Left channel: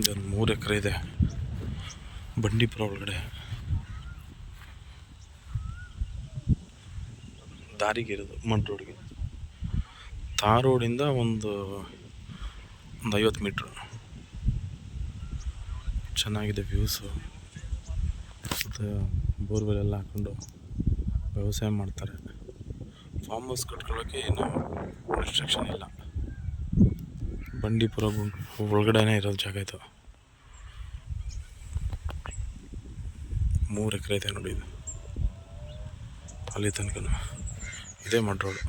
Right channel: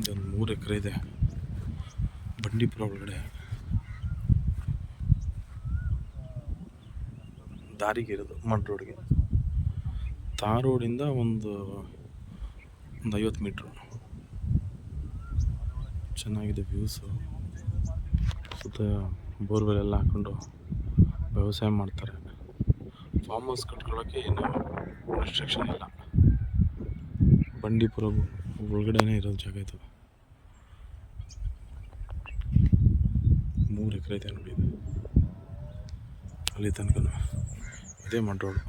ಇದೊಂದು 3 ಎಕರೆ ಇದೆ ಬಂಡೀಪುರ ಒಳಗಡೆ. ದಾರಿಗೆ ಇರೋದು ಮಡ್ ರೋಡ್ಗೆ. ತಾರ್ ರೋಡಿಂದ ಒಂದು 50 ಮೀಟ್ರು. ಚೆನ್ನಾಗಿದೆ ವ್ಯೂಸು. ಸುತ್ತ ಬೋರ್ವೆಲ್ ಎಲ್ಲ ಹಾಕ್ಕೊಂಡು ವ್ಯವಸಾಯ ಮಾಡ್ತಾರೆ. ಫಾರ್ಮ್ ಹೌಸ್ ಕಟ್ಕೊಳ್ಳೋಕ್ಕೆ ಏನು ರೆಸ್ಟ್ರಿಕ್ಷನ್ ಇಲ್ಲ. ಬಂಡೀಪುರ ಒಳಗಡೆನೇ ಇರೋದು ಜಾಗ ಇದು. 3 ಎಕರೆ ಇದೆ ನೋಡಿ ಇದು. ಅಲ್ಲಿ ತನಕ ಇದೇ ಮಡ್ ರೋಡು.